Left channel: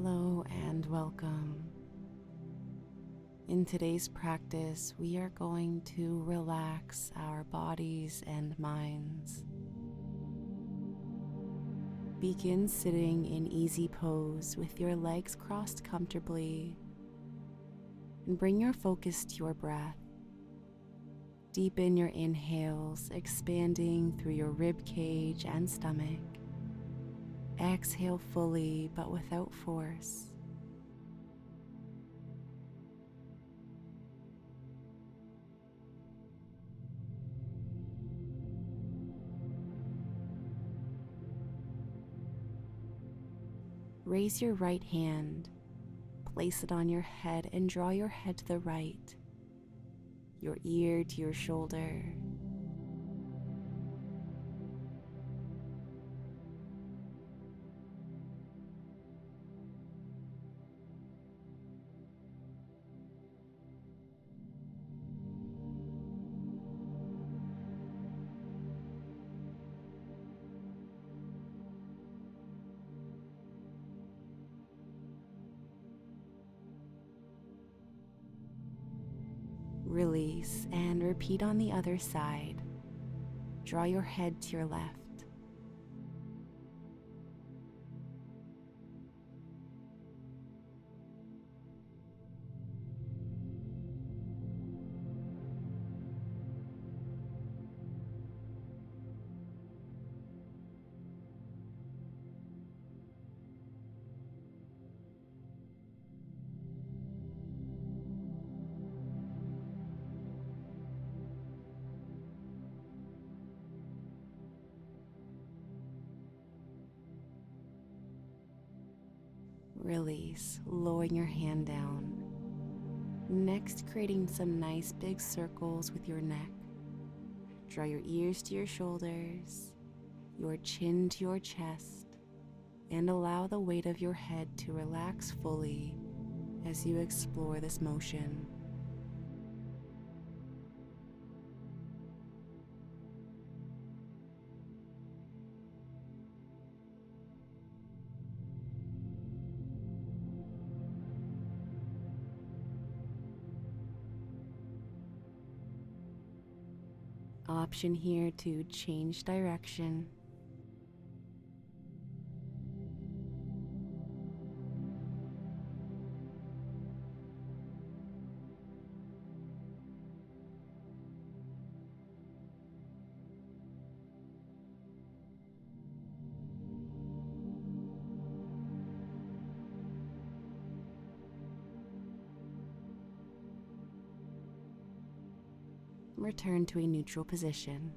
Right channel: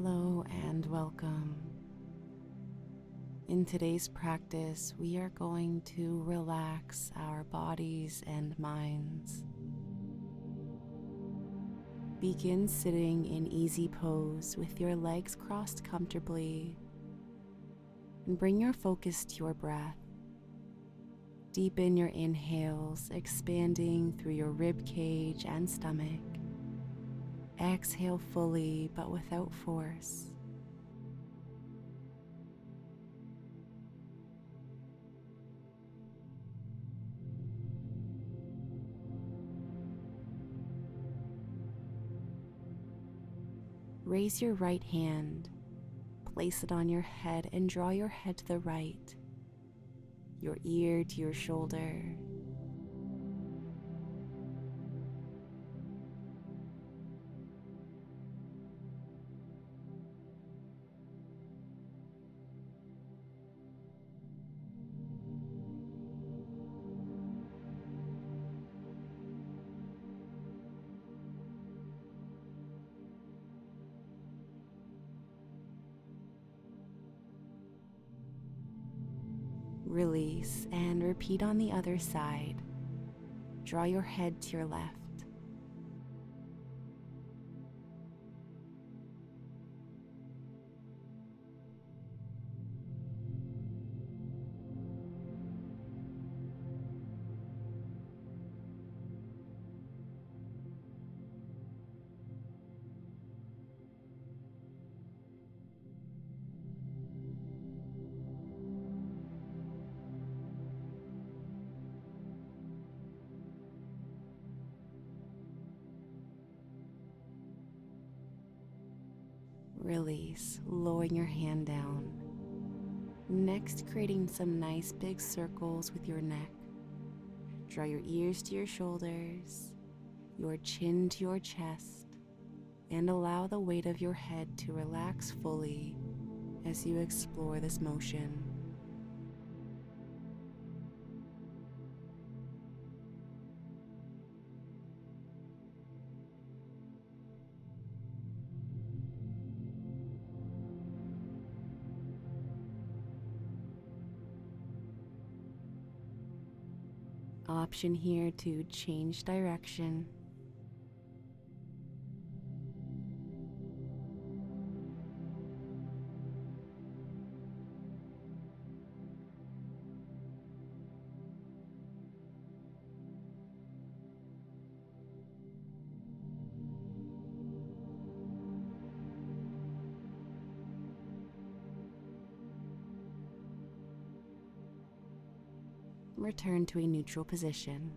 Hello and welcome. In today's practice, we are going to relax our bodies and minds. Begin sitting in easy pose with your legs crossed comfortably and bring your focus to your breath. Deepen your inhales, expanding through your rib cage and stomach. Exhale fully but without force. Raise your right hand, place it on your head and draw your head to the right, your ear to your shoulder. Release and repeat on the other side. Draw your head to your left. Release, lowering your hand down. Next, creating some nice big circles with your neck. Draw your ears to your shoulders, your chin to your chest, and allow the weight of your head to relax fully as you explore this motion. Option here to change direction. Return to a neutral position.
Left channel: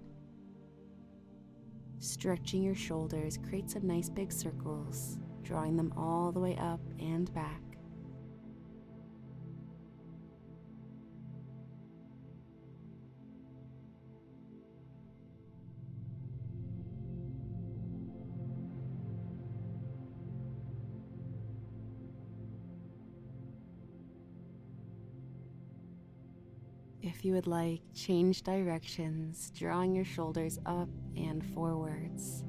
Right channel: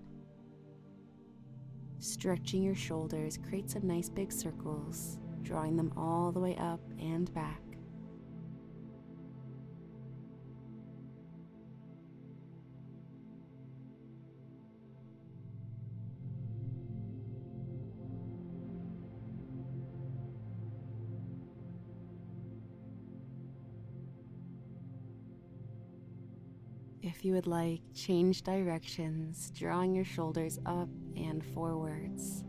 Stretching your shoulders, create some nice big circles, drawing them all the way up and back. If you would like, change directions, drawing your shoulders up and forwards.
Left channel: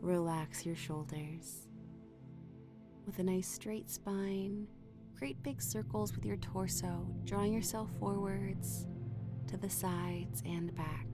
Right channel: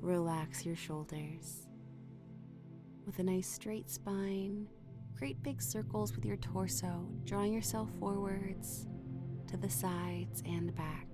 Relax your shoulders. With a nice straight spine, create big circles with your torso, drawing yourself forwards, to the sides and back.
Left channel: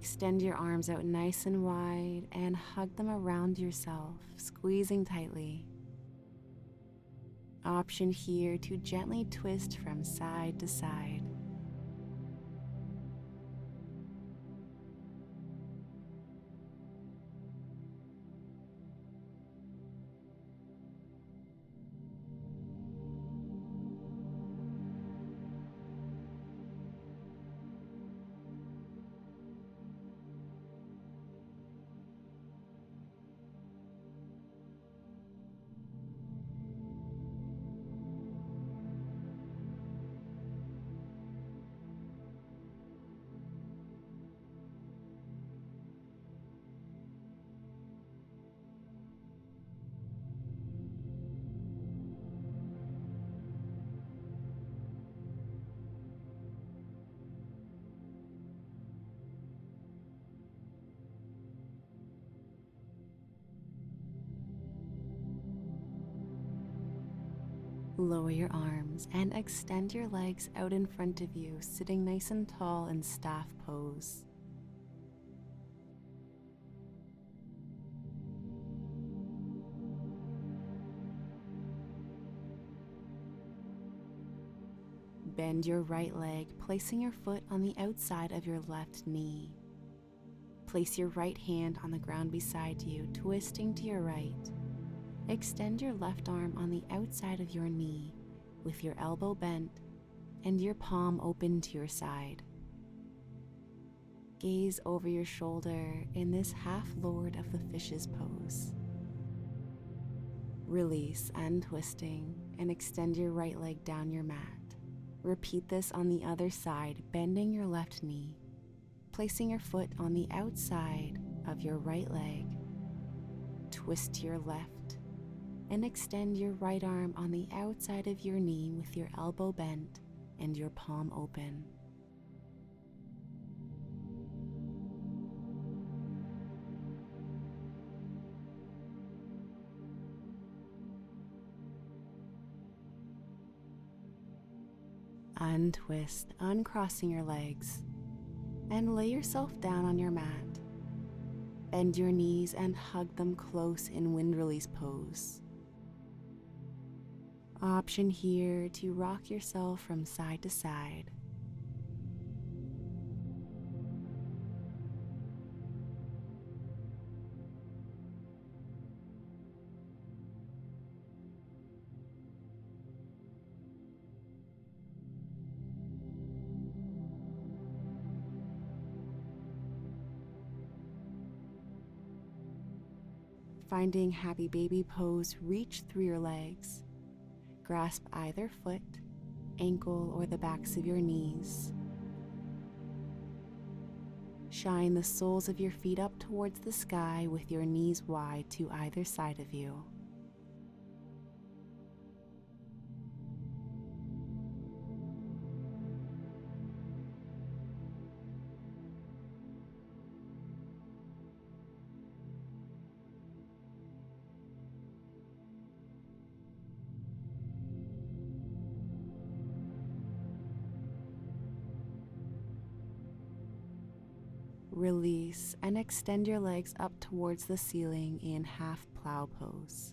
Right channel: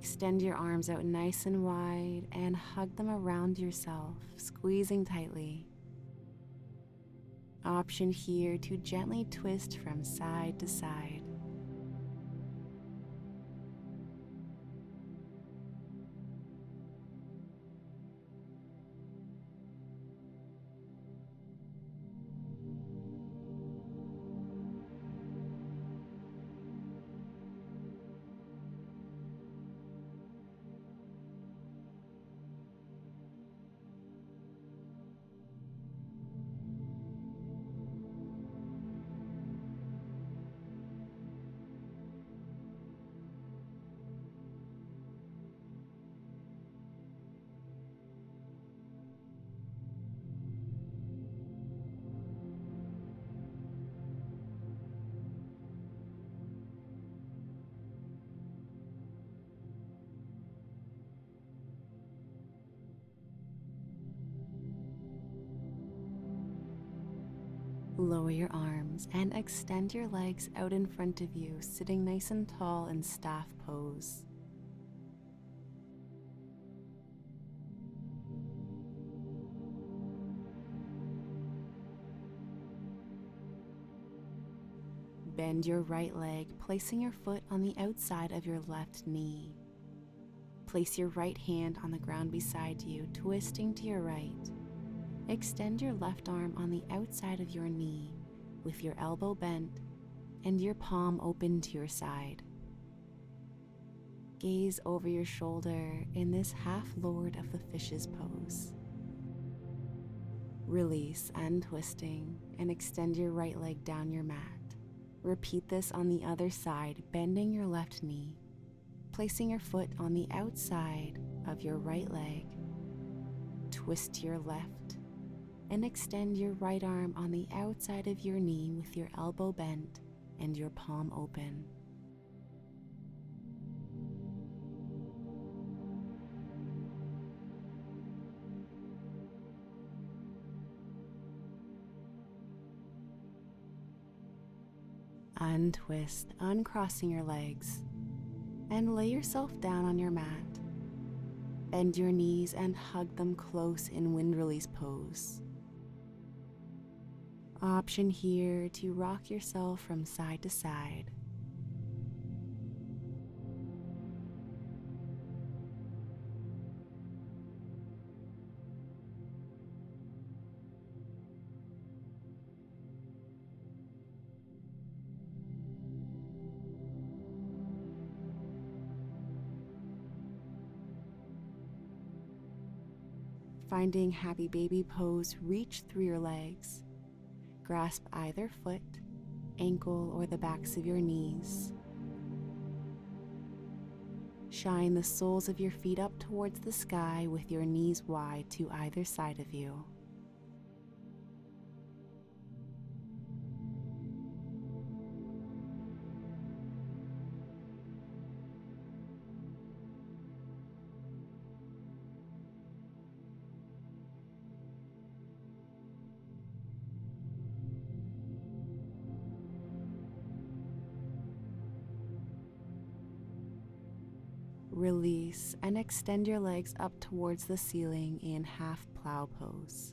Extend your arms out nice and wide and hug them around yourself, squeezing tightly. Option here to gently twist from side to side. Lower your arms and extend your legs out in front of you, sitting nice and tall in staff pose. Bend your right leg, placing your foot on the outside of your left knee. Place your right hand on the ground beside you, twisting to your right. Extend your left arm on the outside of your knee with your elbow bent and your palm open to your side. Gaze over your shoulder in this half Lord of the Fishes pose. Release, untwisting, and extend your right leg down your mat. Repeat this on the other side, bending your left knee, placing your foot on the outside of your right leg. Twist to your left and extend your right arm on the outside of your knee with your elbow bent and your palm open. Untwist, uncrossing your legs, and lay yourself down on your mat. Bend your knees and hug them close in wind release pose. Option here to rock yourself from side to side. Finding happy baby pose, reach through your legs. Grasp either foot, ankle, or the backs of your knees. Shine the soles of your feet up towards the sky with your knees wide to either side of you. Release and extend your legs up towards the ceiling in half plow pose.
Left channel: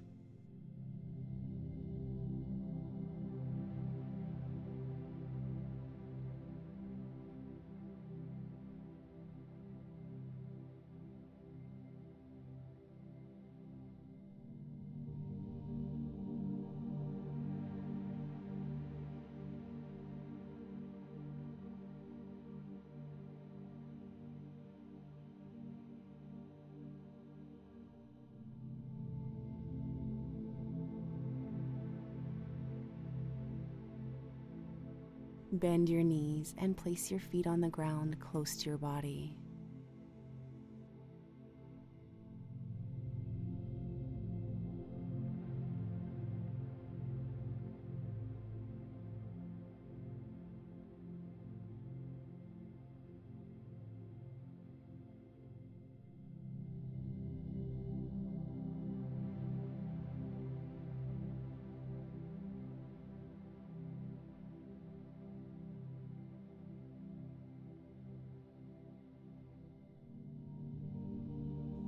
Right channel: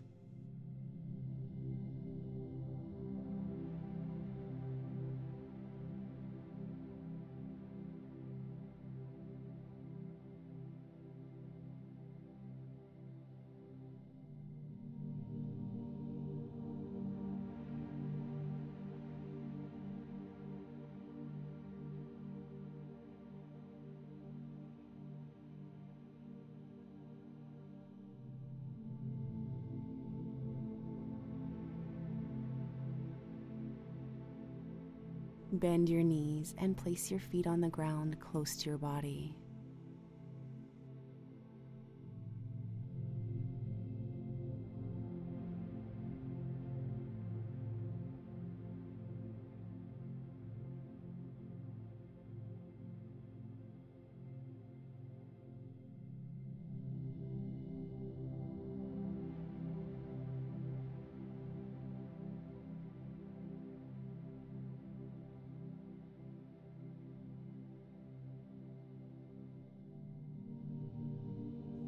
Bend your knees and place your feet on the ground close to your body.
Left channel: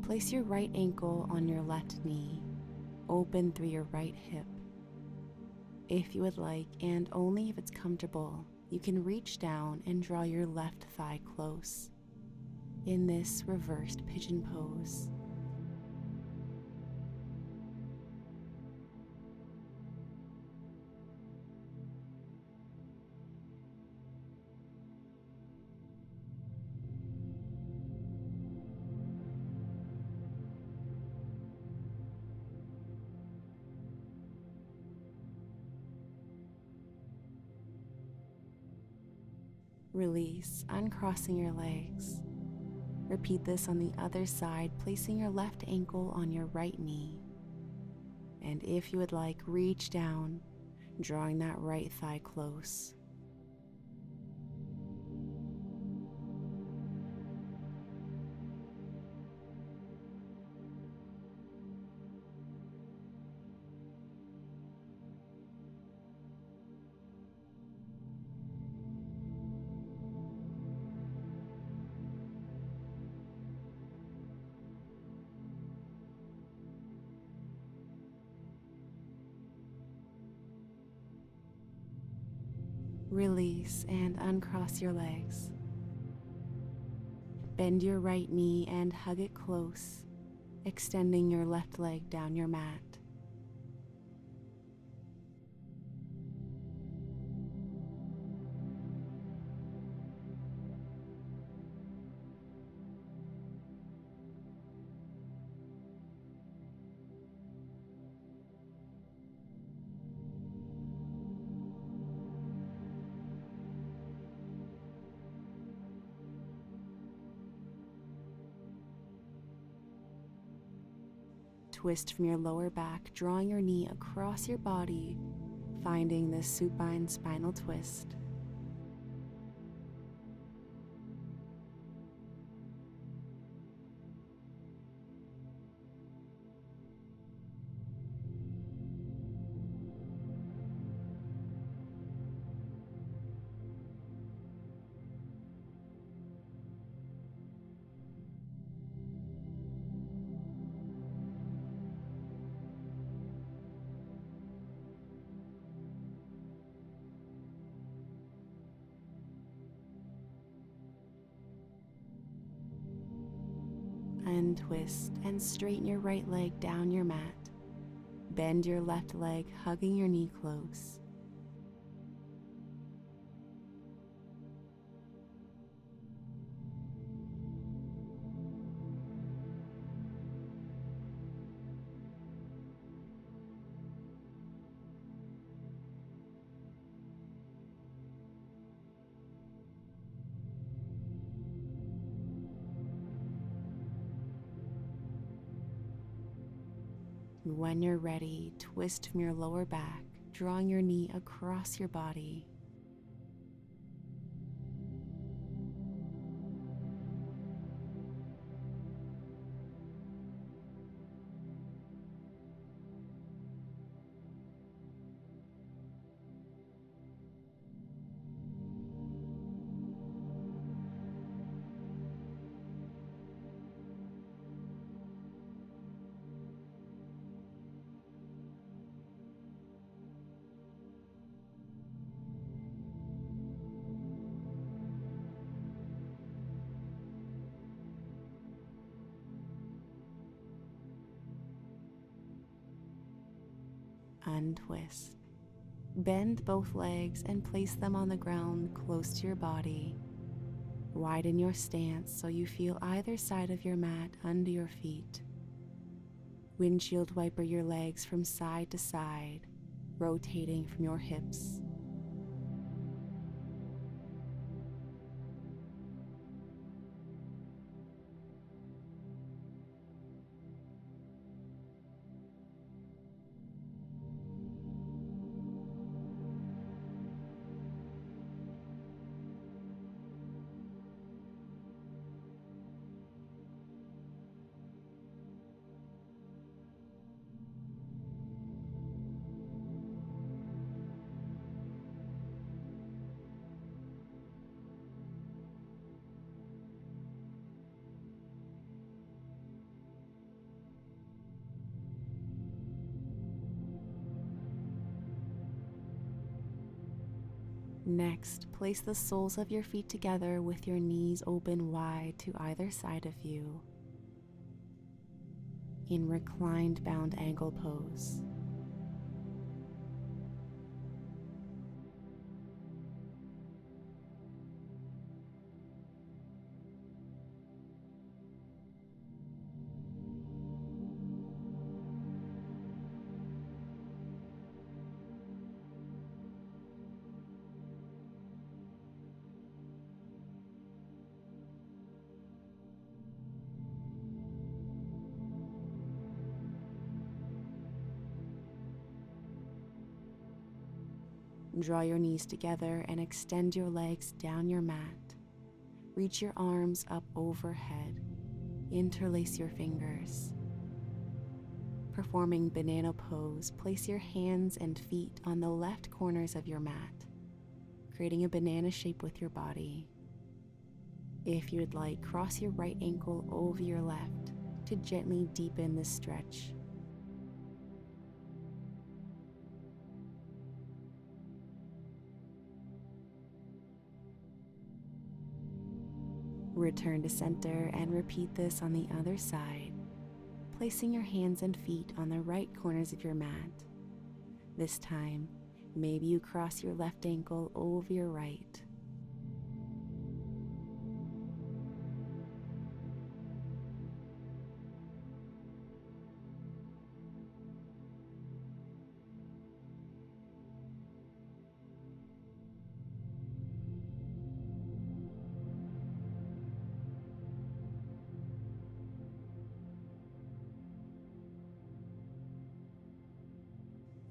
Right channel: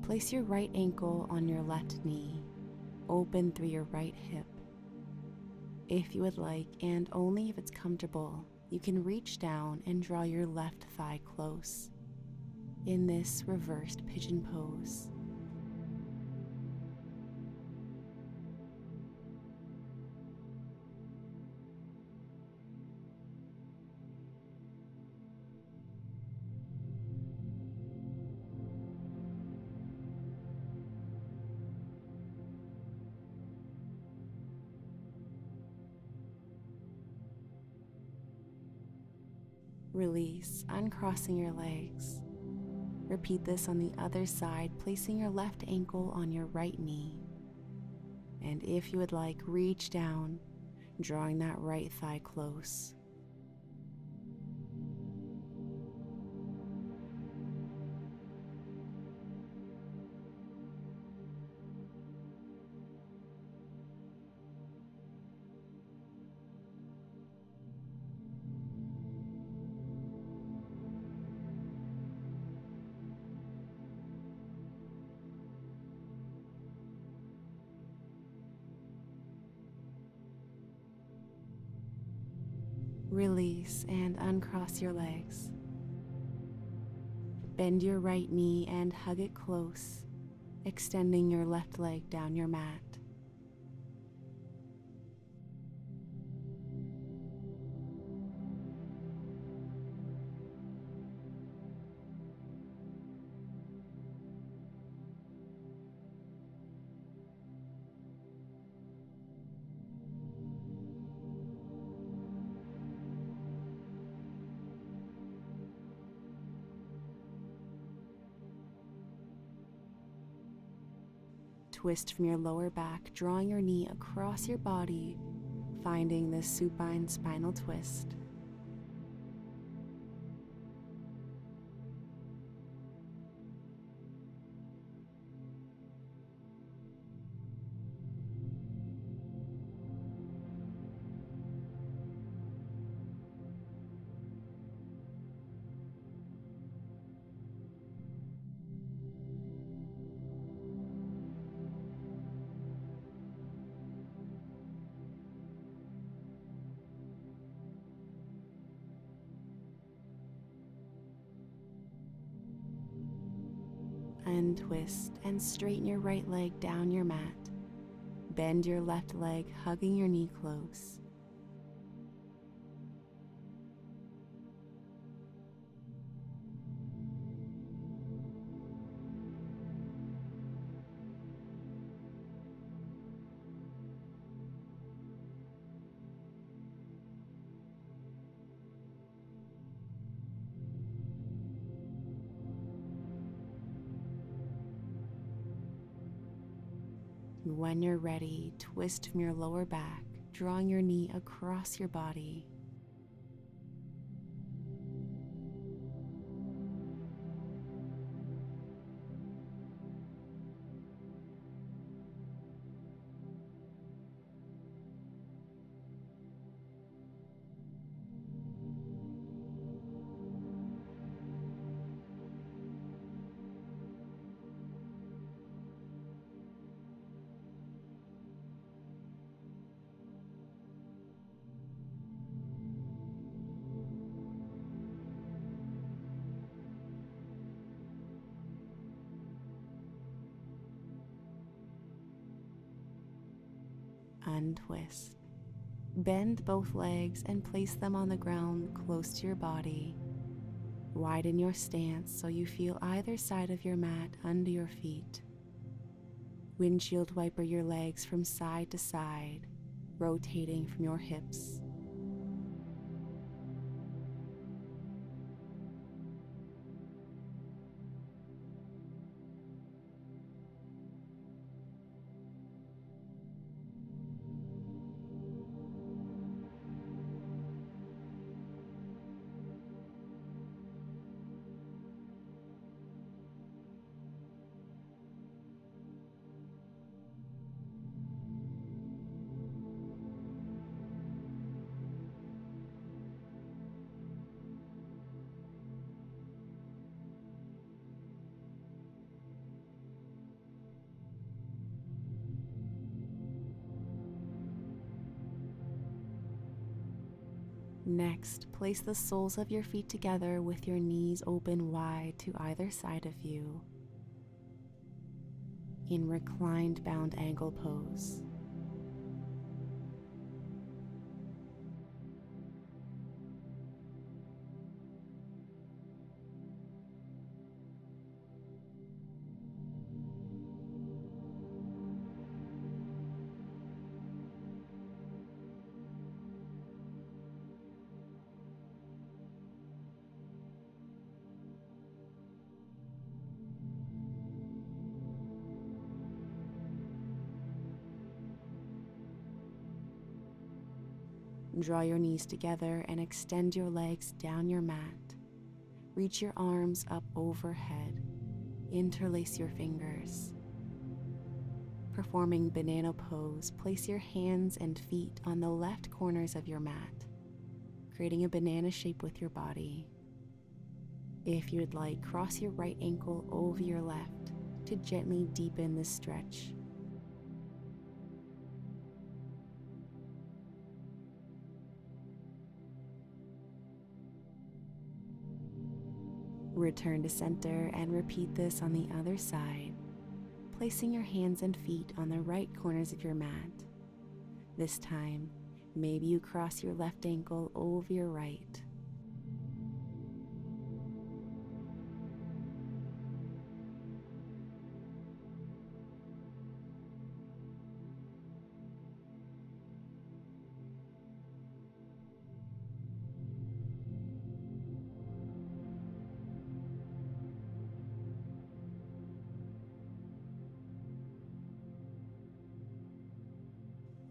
Place your right ankle on your left knee, open through your right hip. If you would like, and only if it's comfortable, you can reach down and draw your left thigh close in this reversed pigeon pose. Release, uncrossing your legs. Repeat this on the other side, placing your left ankle on your right knee. And if you would like, reach down, drawing that right thigh close. Release and uncross your legs. Bend your right knee and hug it close, extending your left leg down your mat. Twist from your lower back, drawing your knee across your body, finding this supine spinal twist. Untwist and straighten your right leg down your mat. Bend your left leg, hugging your knee close. When you're ready, twist from your lower back, drawing your knee across your body. Untwist. Bend both legs and place them on the ground close to your body. Widen your stance so you feel either side of your mat under your feet. Windshield wiper your legs from side to side, rotating from your hips. Next, place the soles of your feet together with your knees open wide to either side of you in reclined bound angle pose. Draw your knees together and extend your legs down your mat. Reach your arms up overhead. Interlace your fingers. Performing banana pose, place your hands and feet on the left corners of your mat, creating a banana shape with your body. If you would like, cross your right ankle over your left to gently deepen this stretch. Return to center and repeat this on the other side, placing your hands and feet on the right corners of your mat. This time, maybe you cross your left ankle over your right.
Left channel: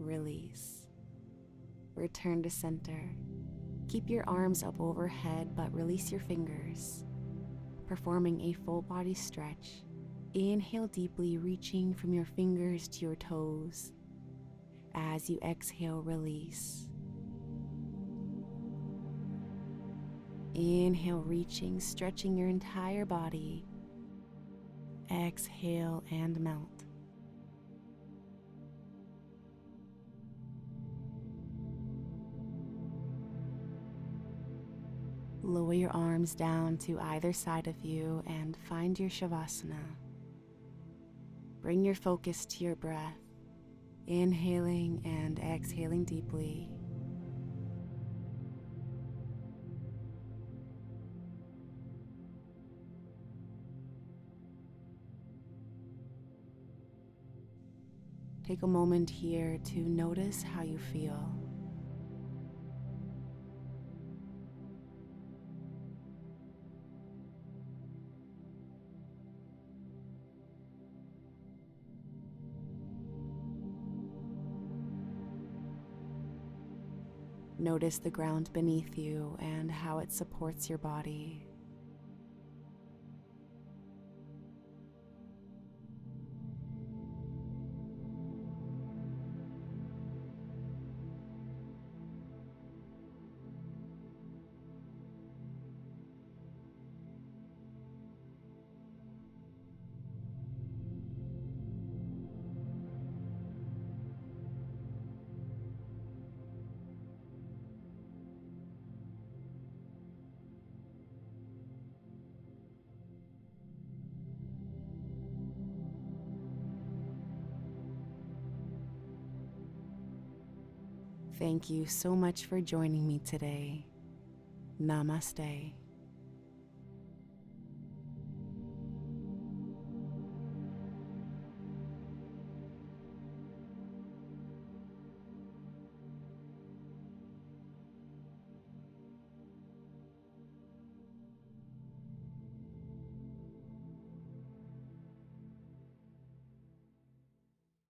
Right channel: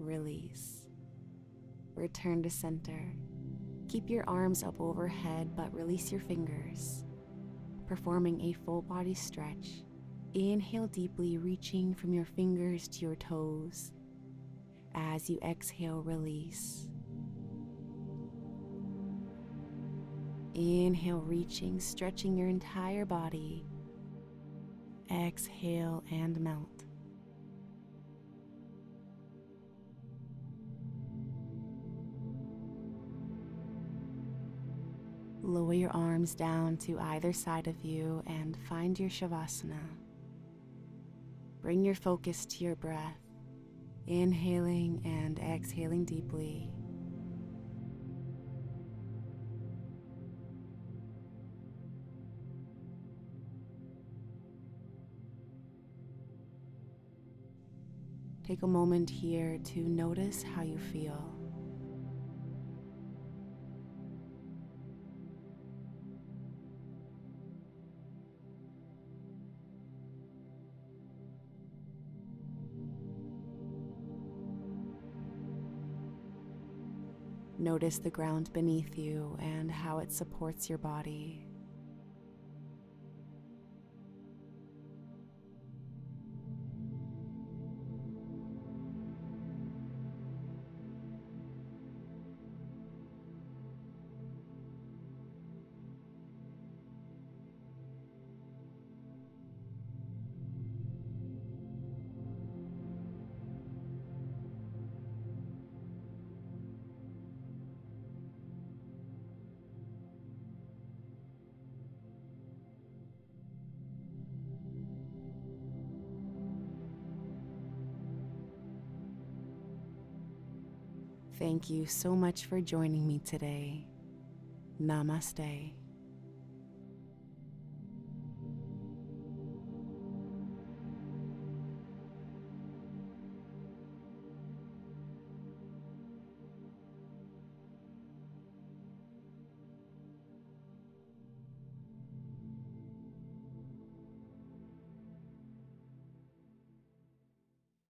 Release. Return to center. Keep your arms up overhead, but release your fingers. Performing a full body stretch. Inhale deeply, reaching from your fingers to your toes. As you exhale, release. Inhale, reaching, stretching your entire body. Exhale and melt. Lower your arms down to either side of you and find your Shavasana. Bring your focus to your breath, inhaling and exhaling deeply. Take a moment here to notice how you feel. Notice the ground beneath you and how it supports your body. Thank you so much for joining me today. Namaste.